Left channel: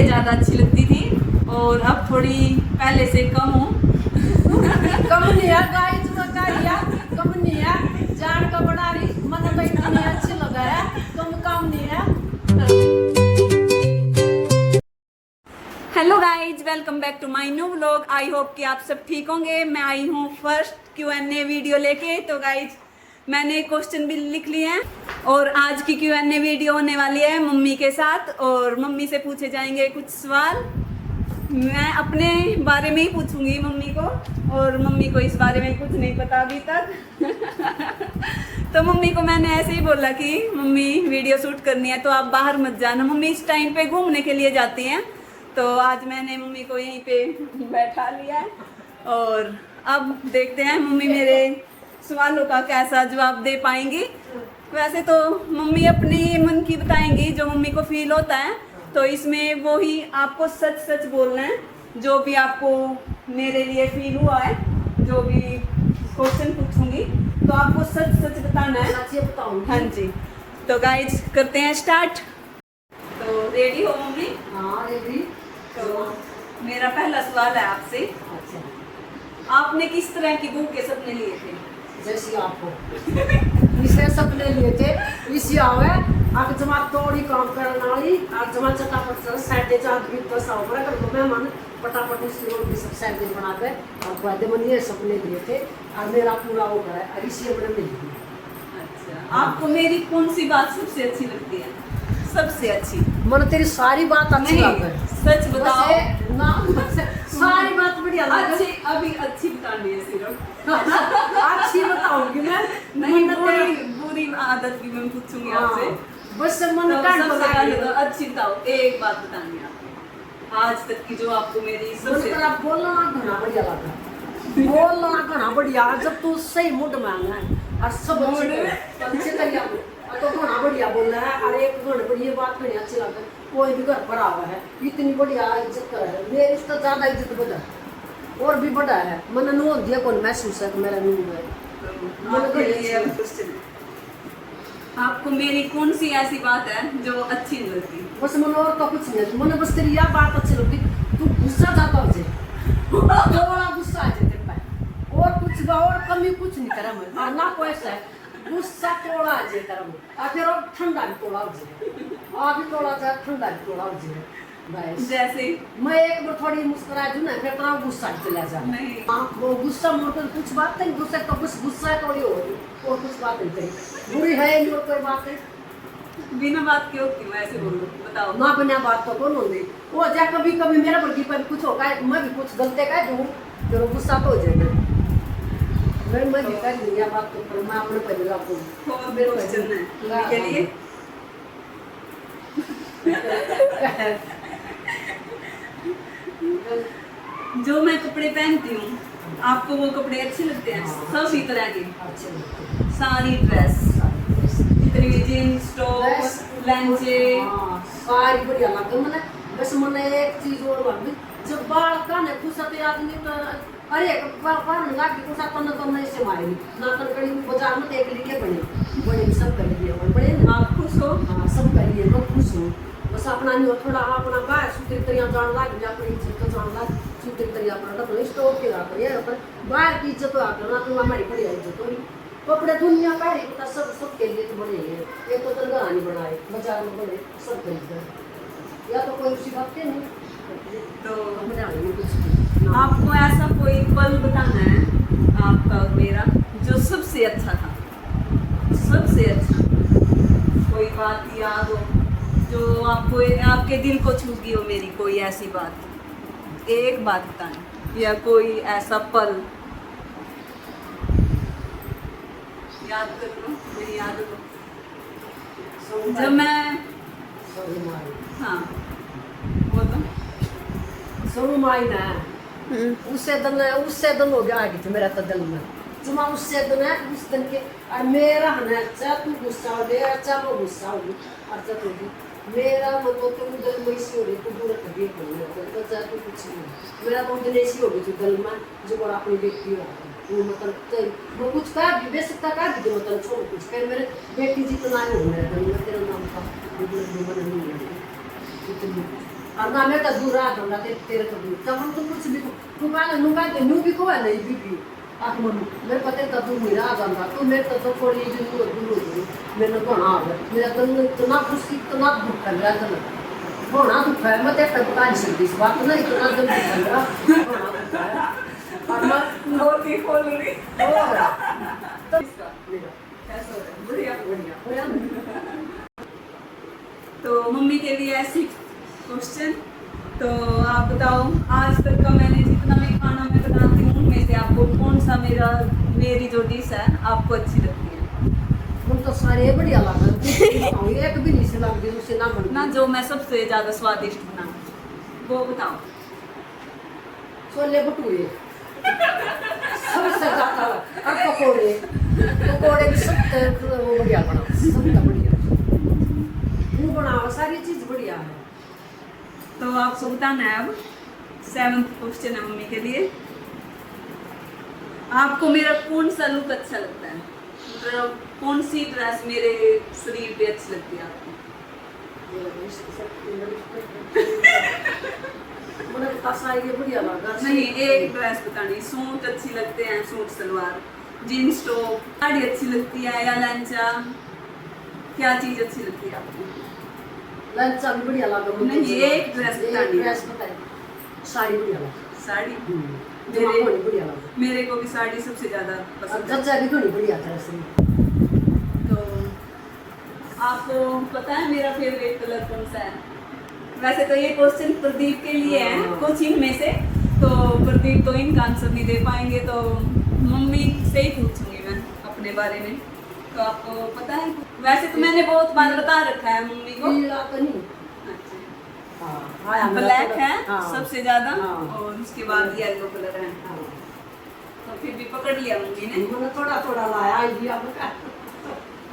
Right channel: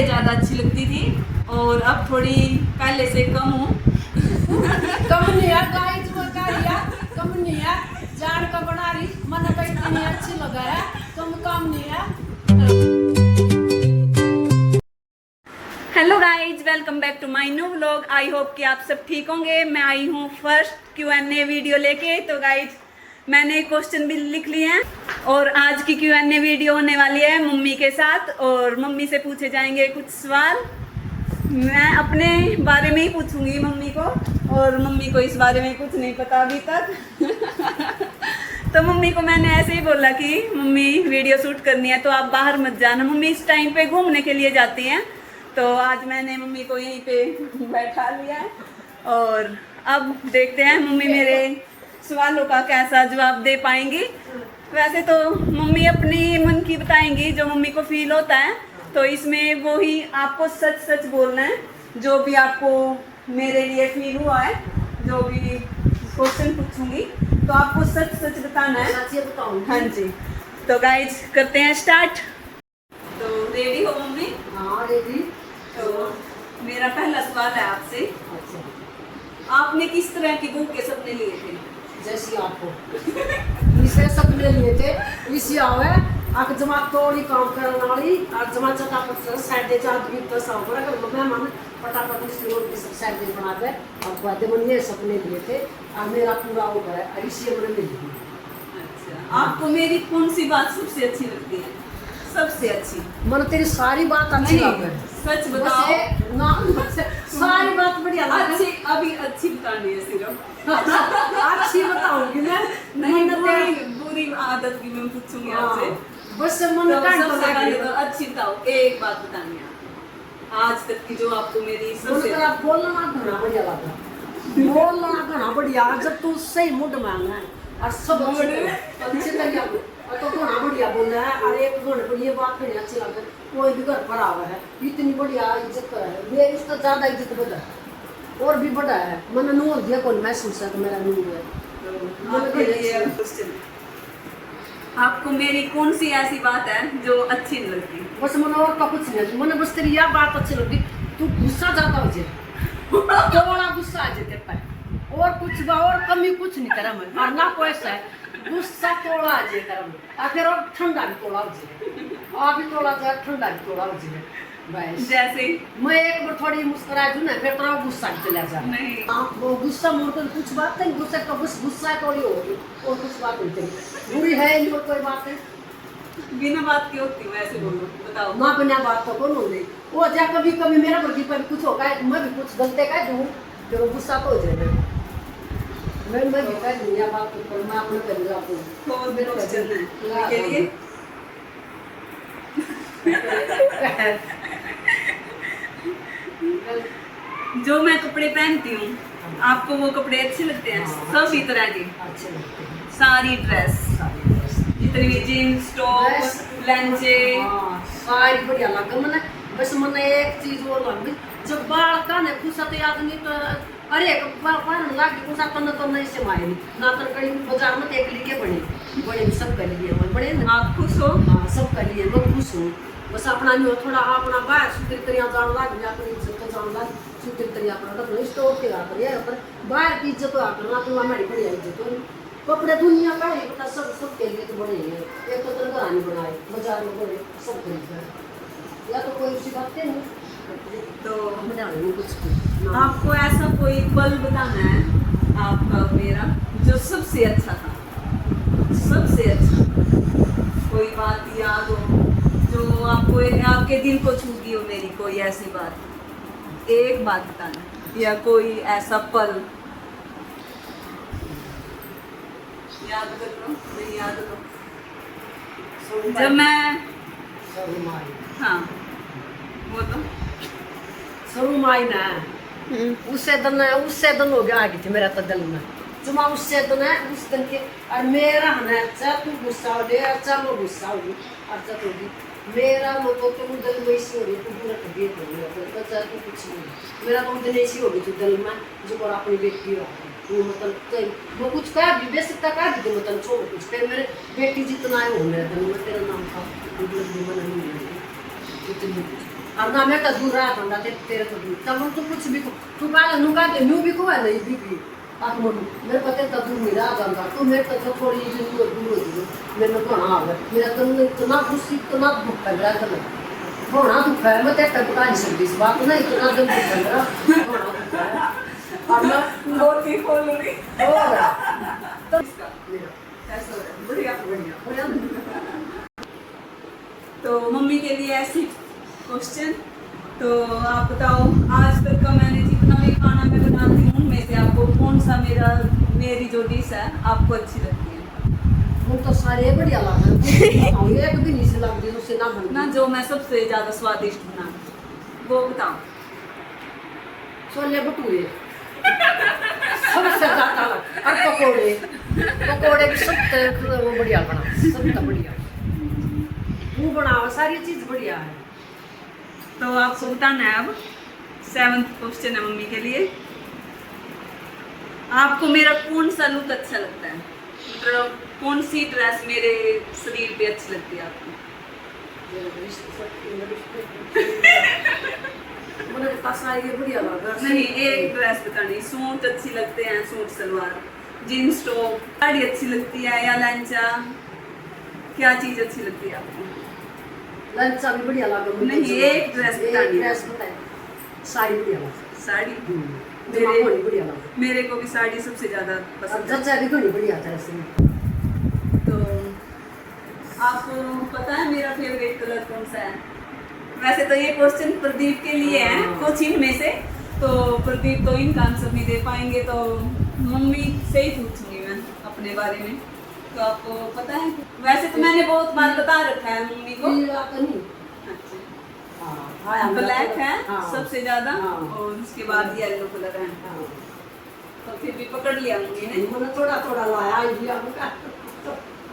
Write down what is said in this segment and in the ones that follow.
पहले ज़्यादा अच्छी लगती थी और अब थोड़ी पहले से कम हूँ। कम नहीं है गाइस, कम नहीं है, जान का बना रही मन तो इतनी अच्छी लगा है, कम नहीं है। Hello guys, welcome back to my new vlog. I hope कि आप सब ठीक होंगे। मैं आई हूँ फर्स्ट Q&A वीडियो लेके। तो गाइज मैंने क्वेश्चन भी लिख लिए हैं और आज की Q&A वीडियो होने वाली है मम्मी के साथ और मम्मी से पूछे जाएंगे कुछ सवाल। मैं अपने बारे में ही पूछूंगी मम्मी को और मम्मी को इस बारे में कुछ नहीं पता अभी तक। तो मम्मी को मैंने ऐसे ही बोला कि मम्मी वीडियो शूट करनी है तो आप बाहर मत जाना। मम्मी इस टाइम पे घूमने के लिए जाती हैं, तो आज मैंने मम्मी को यहीं पे बैठा लिया है और अब देखते हैं मम्मी मेरे सवालों का कैसा जवाब दे पाएंगी। वैसे तो मम्मी अपनी मन की बताएंगी जो मम्मी को फील होता है, तो इसमें वो ही आपको सच सच बोलना है। जो भी आपको मेरे लिए फील हुआ है, जो भी क्वेश्चन पूछूंगी तो आपको सच सच बताना है। सच बताऊंगी। हाँ जी, तो गाइज करते हैं स्टार्ट। तो रेडी हो मम्मी? हाँ रेडी। तो मेरा पहला सवाल है आपसे, अच्छा, आपने किस तरह की बहू के सपने लिए थे? जैसी आपको इसे सपने लिए थे, इसी आवे आक जमा तोड़ी काम करने वाली आक जमा चटापट साइड आदमी तो सब पर कर मैं मन पटापट स्टोर की सब साइड बना के अब बाद में ये सपने लिए थे और मेरा पूरा हो गया और इसी बने मिल गई। अच्छा, आपको मेरी कौन सी बात सबसे अच्छी लगती है? सबसे अच्छी? मन तेरी सारी बात अच्छी लग गई। सच बताओ ना, सारी बात बढ़िया लग अच्छी, अभी अच्छी बतानी है सिर्फ। अच्छी बताऊंगी मैं। नहीं, मन बुरी बुरी आदत की मैं पूछूंगी आपसे। बस मन तो काट सबसे पहले तो अच्छी बताओ, एक बात बतानी है आपको आज तक की जो आपको मेरी सबसे आप बोलना घना बढ़िया लगा, बोलना घना बढ़िया जब तू सही मूड में आना है और सब अच्छे तरीके तो घना बढ़िया बोलना है। और एक घने पर ये बात नहीं अच्छी लगती, कोई भी घर पर आवा है इतनी बढ़िया इज्जत कर है, मेरी उसका ज्यादा इज्जत बढ़ा है और भी बढ़ा है। मैंने नूर दिया कौन महसूस है कि मेरा नूर है। आपके लिए क्वेश्चन है, आपको मेरी कौन सी ऐसी बात है जो अच्छी नहीं लगती? बस मन और का कुछ नहीं, मैंने बस तेरी यह बात अच्छी लगती, तू गुस्सा जाता हो जे थोड़ा गुस्सा आ जाए तेरे पे और कुछ और कमी कुछ नहीं करा मैं और ना कोई ऐसा है गुस्सा थोड़ा आ जाए करा मैं फिर और ठंडा भी थोड़ा हो जाए और भी थोड़ा सा ठंडा भी थोड़ा हो जाए। जैसे मैं एक बार थोड़ी मुस्कुरा दूं ना फिर थोड़ा गुस्सा चला जा। नहीं, वो गुस्सा मोड़ कर कुछ बात नहीं, गुस्सा तो बस गुस्सा थोड़ी हो रही और कुछ बात नहीं करी बुरी है नहीं और कोई बात नहीं। बिना बात की होती हूँ ऐसे बोलो, बताओ। ना बिना बात तो कौन हो गई वो जा कभी कभी मेरा वर्गी पर कुछ होगा मैं भी कुछ गलते का दूँ जो गुस्सा तो हो जाएगा। मैं भी कर लिया बात तो पर मैं अपने पहले लागू और मेरे क्वेश्चन है के लिए जो मैं कपड़े पहनती हूँ आपको वो कपड़े अच्छे लगते हैं? सभी तरह के अच्छे लगते हैं सारी ड्रेस, जितनी भी जीन्स टॉप लेंजे सारी बढ़िया लगे मैंने। बस मैंने एक चीज और लगी जब बाल का ने कुछ तो आदमी तो अरे बाल लाग के कुछ तो नहीं से मारे ना तो कड़ी बाजार में एक लिखे बने सब कर लिए बड़े आप खुश हो? हाँ सब कर लिए मैं खुश हूँ। बस अपना नहीं थोड़ा अपना बाहर सुतरी तरिया जान लाग गया अपनी इज्जत तो जान लाग सुतरी तरिया अपना तो स्टोर के ला कर पर बाहर की इज्जत आ कर ना तो हमारी बड़ी इज्जत हो कपड़े दुनिया का है पता सब के लिए तो बड़े हैं एक तो तंगा नहीं बनाए बाजार में बड़े सब खरीद या तो कोई उसी बात नहीं तो बना कुछ आपको ऐसा कोई पल बताना है आपका मेरा जो सबसे अच्छा था? सबसे अच्छा कोई बात याद हो जो आपको आपके दिल को छू गई हो, मेरी कोई ऐसी बात एक बात बताना या कोई ऐसा पल याद कर लो, नहीं याद करो। जब मैं हाँ वो तो शुरू माई ना उससे दिन हो गया आगे थे मेरा तो दिल में जुमा उससे दिन है उस दिन के और मेरा है चाहे तू गुस्सा हो गया चाहे वो गुस्सा होगी और जब होगी मेरा मतलब तुम दिल में इसी हो रही तू पूरा कभी तो चाहे तू कुछ नहीं मेरा तो दिन ऐसी हो गई थी दिल में जो और अपनी बेटी हो वो मतलब वो कुछ कहा भी बेसिक का कहा भी मतलब छोड़ कुछ फिर मेरे बेटी जितना है वो मेरे दिल में तेरा नाम था मतलब भी मन नहीं है इतनी और ना मैं तो दूर रहा था ना तेरे को दूर तब हम तो कुछ भी तू काला नुका के न्यू भी को है नहीं भी आप मनु मेरे पते तो दूर मेरा जाता तो मेरे तो थोड़ी जी दूर होती मैंने कहा हां मेरा तो इतना खुशी इतना दुख कर रहा था होना दुख है मैं तेरे बता नहीं सकती इस बात ना इतना दुख कर रहा होना दुख है और मैं बहुत ही खोल रही हो रहा तो मेरा ऐसा हो रहा है। बढ़िया बढ़िया तो मम्मी के लिए ऐसी क्वेश्चन तो आप बताओ आज तक का मैंने जितना भी खाना मैं बनाती हूँ उनमें से आपको कौन सा मेरी जो डिश है आपको अच्छी लगती है? हम तो सारे बढ़िया लगा एक भी नहीं से लग दी उससे ना बन ना जो मैं सबसे ज्यादा स्वादिष्ट बनाऊँ वो बताओ। छोले भटूरे सबसे ज्यादा और पकोड़े पकोड़े भी सब वो बढ़िया बना सब तो बढ़िया वो बनावा सारी चीज बढ़िया है। तो आपको बताना है अब 7th क्वेश्चन है मम्मी के लिए। आपको मेरा कौन सा लुक अच्छा लगता है? मतलब कौन सी ड्रेस मेरे शरीर पे अच्छी लगती है आपको? मैंने कहा सारी बढ़िया लगा नहीं एक ड्रेस बतानी। सूट अच्छी लगते हैं, suit salwar, jeans top, sari अच्छी लगती है या लंचा? क्या चीज अच्छी लगती है आपको? लंचा भी बढ़िया लगा नहीं एक ड्रेस बतानी। ड्रेस बताए साड़ी बढ़िया लगा साड़ी जमा बढ़िया लगा मेरे को भी साड़ी सबसे ज्यादा पसंद है। जच्चा भी घनी बढ़िया था ऐसे तो आपको पता है मेरा फेवरेट कलर कौन सा है? वैसे तो ये क्वेश्चन प्रदीप के लिए है कुछ इनमें से, तो प्रदीप तो इनका आंसर नहीं दे पाएंगे तो मम्मी से ही पूछूंगी मैं अपने बारे में। तो आपको पता है? वैसे तो मैंने बहुत बार बता रखा है मम्मी को। ब्लैक है सबसे ज्यादा और उसके बाद येलो कलर है। तो फिर भी पकड़ लिया मम्मी ने। थोड़ा थोड़ा लाया आइडिया।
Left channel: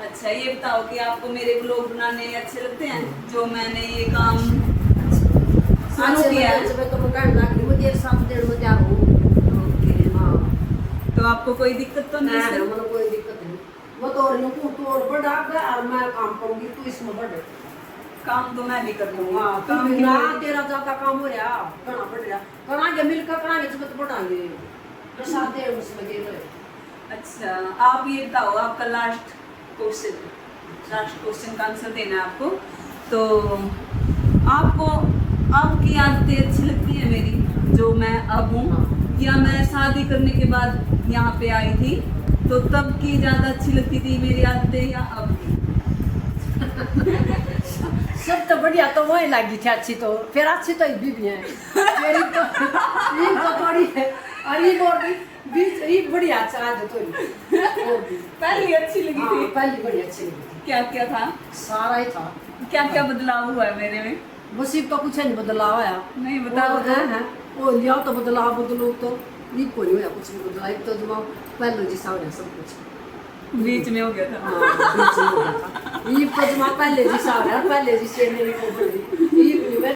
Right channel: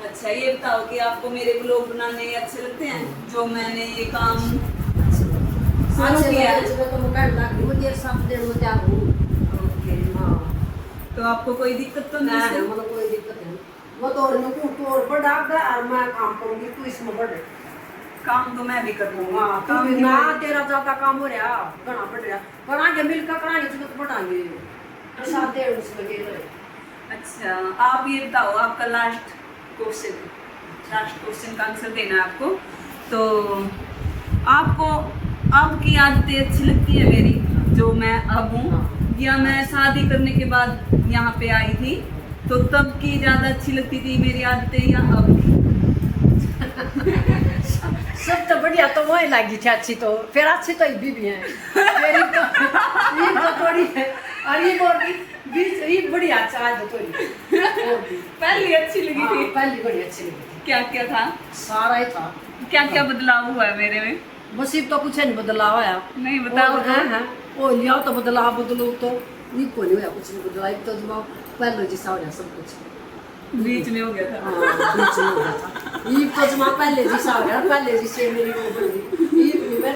अच्छा ये बताओ कि आपको मेरे ब्लॉग बनाने अच्छे लगते हैं? जो मैंने ये काम शुरू किया है। तो मैं कर लग मुझे 7 दिन में तैयार हूं। ओके हां तो आपको कोई दिक्कत तो नहीं है? मतलब कोई दिक्कत नहीं। मैं तो और तू तोड़ बड़ा और मैं काम करूंगी तू इसमें बढ़े। काम तो मैं भी कर लूंगा। हां तू भी ना तेरा ज्यादा काम हो रहा करना पड़ रहा करांगे मिलकर करांगे तो बढ़ाएंगे 7 दिन उसमें लगे रहे। अच्छा आप ये बताओ आपका लास्ट क्वेश्चन का आंसर देना है आपको। तो आपको आपकी आदतें अच्छी लगती है मेरी जो मैं अब हूँ, या मैं शादी करने के बाद यहाँ पे आई थी तो तब की ज्यादा अच्छी लगती थी मेरी आदतें या अब? सब तो बढ़िया तो वही लगी थी अच्छी तो फिर अच्छी तो ये भी है मेरी तो ये तो थोड़ी है और ये और भी ये बढ़िया अच्छा है थोड़ी और भी पहली अच्छी लगी थी। पहली बड़ी अच्छी लगी थी। क्या क्या था? सारा ही था। क्या क्या बदलाव हुआ है मेरे में? बसिब तो कुछ नहीं बदलाव आया। नहीं बताओ। है वो लिया तो बदलाव बदलो तो ये कोई नहीं हुआ कुछ भी बदलाव तो जमा पहले जैसा हो गया सब कुछ बीच में हो गया था। हाँ बीच में हो गया था ये तो जमा पहले जैसा हो गया पहले जैसे मेरी वो बड़ी ये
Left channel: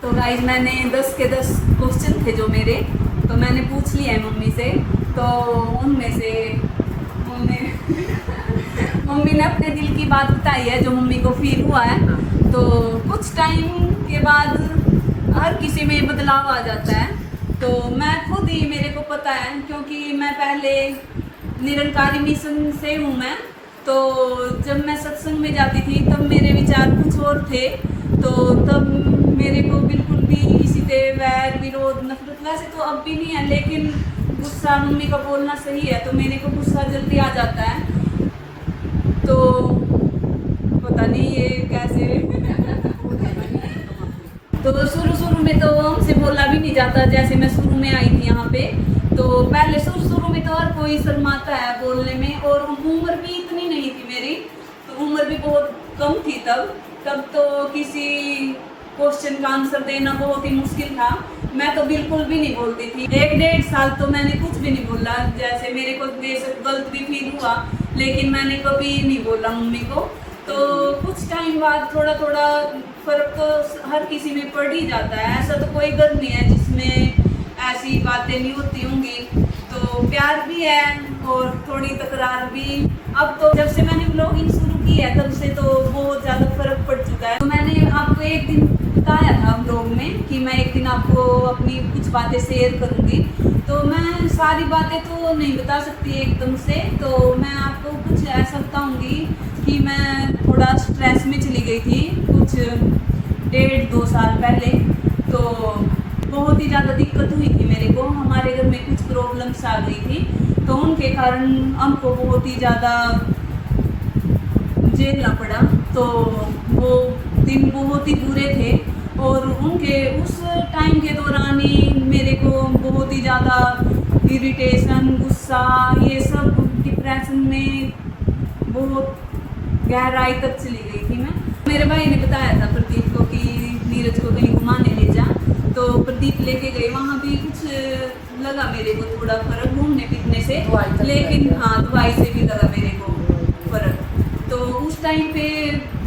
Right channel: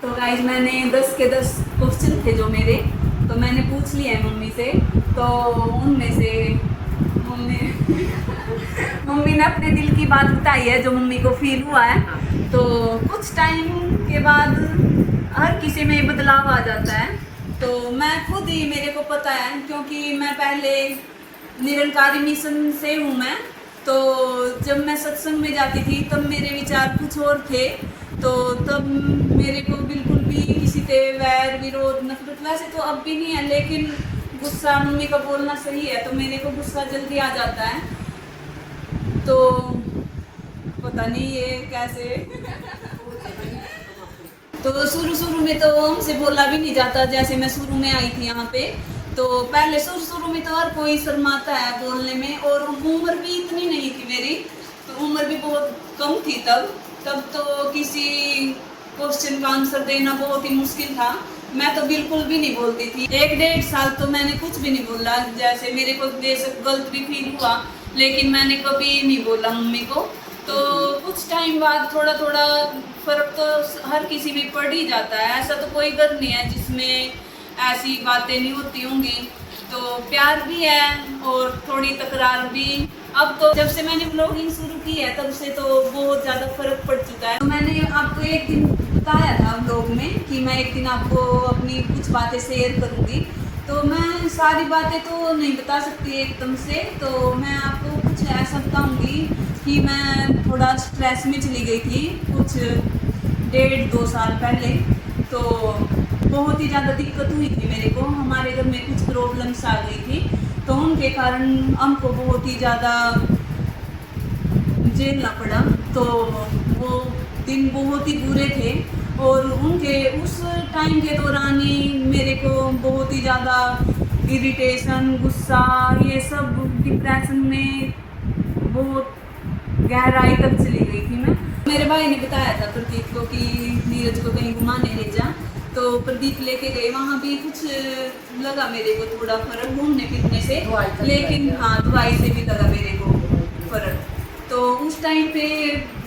तो गाइस मैंने 10 के 10 क्वेश्चन थे जो मेरे, तो मैंने पूछ लिया है मम्मी से। तो उनमें से मम्मी ने अपने दिल की बात बताई है जो मम्मी को फील हुआ है। तो कुछ टाइम के बाद हर किसी में बदलाव आ जाता है। तो मैं खुद ही मेरे को पता है क्योंकि मैं पहले निरंकारी मिशन से हूँ मैं। तो जब मैं सत्संग में जाती थी तब मेरे विचार कुछ और थे। तो तब मेरे को बिल्कुल भी किसी से वैर विरोध नफरत वैसे तो अब भी नहीं है, लेकिन गुस्सा मम्मी का बोलना सही है तो मेरे को गुस्सा जल्दी आ जाता है। तो पता नहीं ये कैसे तो शुरू में तो हमसे बोला भी नहीं जाता। जैसे मैं शुरू में आई थी यहाँ पे तो पहले शुरू में तो हर कोई शर्माता है बोलने में, और उम्र भी इतनी नहीं थी मेरी, तो उम्र भी बहुत कम थी तब तो किसी क्वेश्चन का आंसर देना बहुत ही मुश्किल था। मैं तो बिल्कुल भी नहीं बोलती थी। 1-1.5 साल तो मैंने कुछ भी नहीं बोला। जैसे मेरे को बेशक गलत भी फील हुआ लेकिन मैंने कभी नहीं बोला मम्मी को। तो कुछ टाइम बाद थोड़ा थोड़ा फर्क तो हर किसी में पड़ ही जाता है। ऐसा तो कोई घर नहीं है जिसमें ऐसी बातें नहीं होती होंगी। तो प्यार भी है और थोड़ी तकरार भी। अब तो जब से मैंने व्लॉगिंग शुरू की है तब से तो बहुत ज़्यादा फर्क पड़ चुका है। तो मैंने आपको एक दिन बताया था ब्लॉग में कि मैं एक दिन आपको अपनी कुछ बातें शेयर करूँगी। तो मैं सारी बातें तो नहीं बता सकती एकदम से, तो मैं आपको कुछ ऐसा बताऊँगी कि मैं थोड़ा स्ट्रेस में चली गई थी कुछ 1.5-2 साल पहले। तो बहुत ही ज़्यादा दिक्कत हुई थी मेरे को, हमारे घर में कुछ प्रॉब्लम्स आ गई थी, तो उनके कारण हमको बहुत ही ज़्यादा झेलना पड़ा। तो वो दिन बहुत ही बुरे थे और उनके उस टाइम के दौरान ही मेरे को बहुत ही ज़्यादा इरिटेशन, गुस्सा, ये सब डिप्रेशन में बहुत गहराई तक चली गई थी मैं। मेरे भाई ने बताया था प्रदीप को कि नीरज को कहीं घुमाने ले जा, तो प्रदीप लेके गए। वहाँ भी कुछ लगा मेरे को थोड़ा फर्क घूमने फिरने से, लेकिन हाँ दवाई से भी लगा मेरे को फर्क। तो उस टाइम पे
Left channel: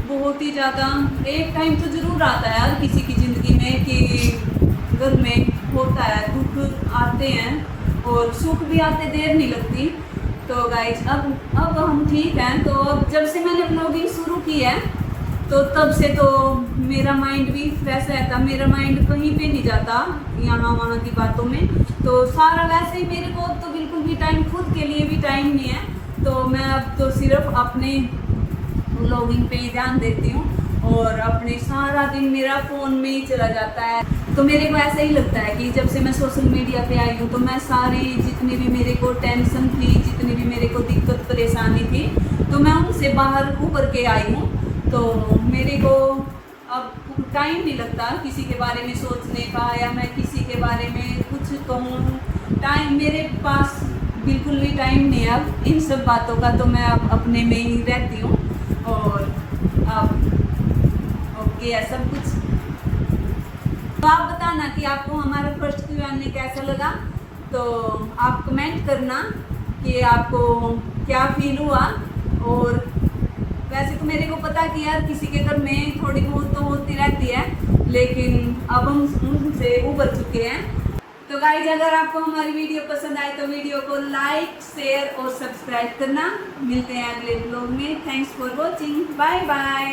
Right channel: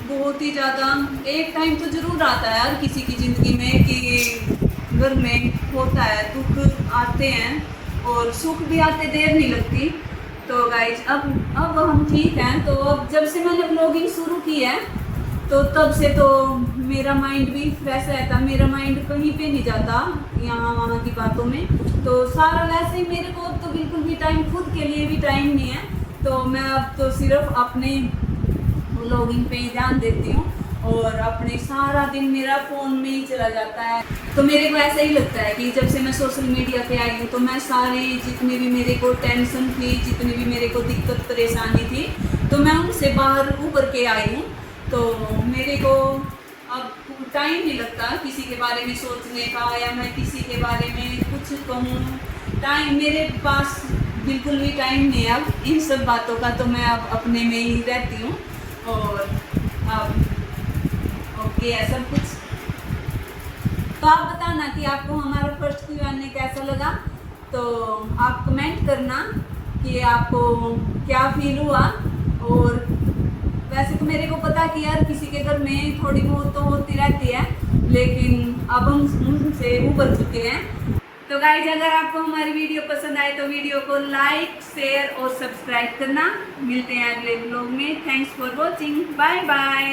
बहुत ही ज़्यादा एक टाइम तो ज़रूर आता है यार किसी की ज़िंदगी में कि घर में होता है, दुख आते हैं और सुख भी आते, देर नहीं लगती। तो गाइज अब हम ठीक हैं। तो अब जब से मैंने व्लॉगिंग शुरू की है तो तब से तो मेरा माइंड भी फ्रेश रहता, मेरा माइंड कहीं पे नहीं जाता यहाँ वहाँ की बातों में। तो सारा वैसे ही मेरे को अब तो बिल्कुल भी टाइम, खुद के लिए भी टाइम नहीं है। तो मैं अब तो सिर्फ अपने व्लॉगिंग पे ही ध्यान देती हूँ और अपने सारा दिन मेरा फ़ोन में ही चला जाता है। तो मेरे को ऐसा ही लगता है कि जब से मैं सोशल मीडिया पे आई हूँ तो मैं सारी जितनी भी मेरे को टेंशन थी, जितनी भी मेरे को दिक्कत परेशानी थी, तो मैं उनसे बाहर उभर के आई हूँ। तो मेरे को अब टाइम नहीं लगता किसी के बारे में सोचने का या मैं किसी के बारे में कुछ कहूँ। टाइम मेरे पास बिल्कुल भी टाइम नहीं है अब इन सब बातों का। तो मैं अब अपने में ही रहती हूँ और अब ओके है सब कुछ। तो आप बताना कि आपको हमारा फर्स्ट Q&A कैसा लगा। तो आप कमेंट करना कि आपको क्या फील हुआ। और वैसे तो मेरे को पता कि यार किसी के घर में थोड़ी बहुत तो होती रहती है, लेकिन अब हम उनसे उबर चुके हैं। तो गाइज अगर आपको हमारी वीडियो पसंद आए तो वीडियो को लाइक, शेयर और सब्सक्राइब करना। मिलते हैं अगले व्लॉग में। Thanks for watching, bye bye.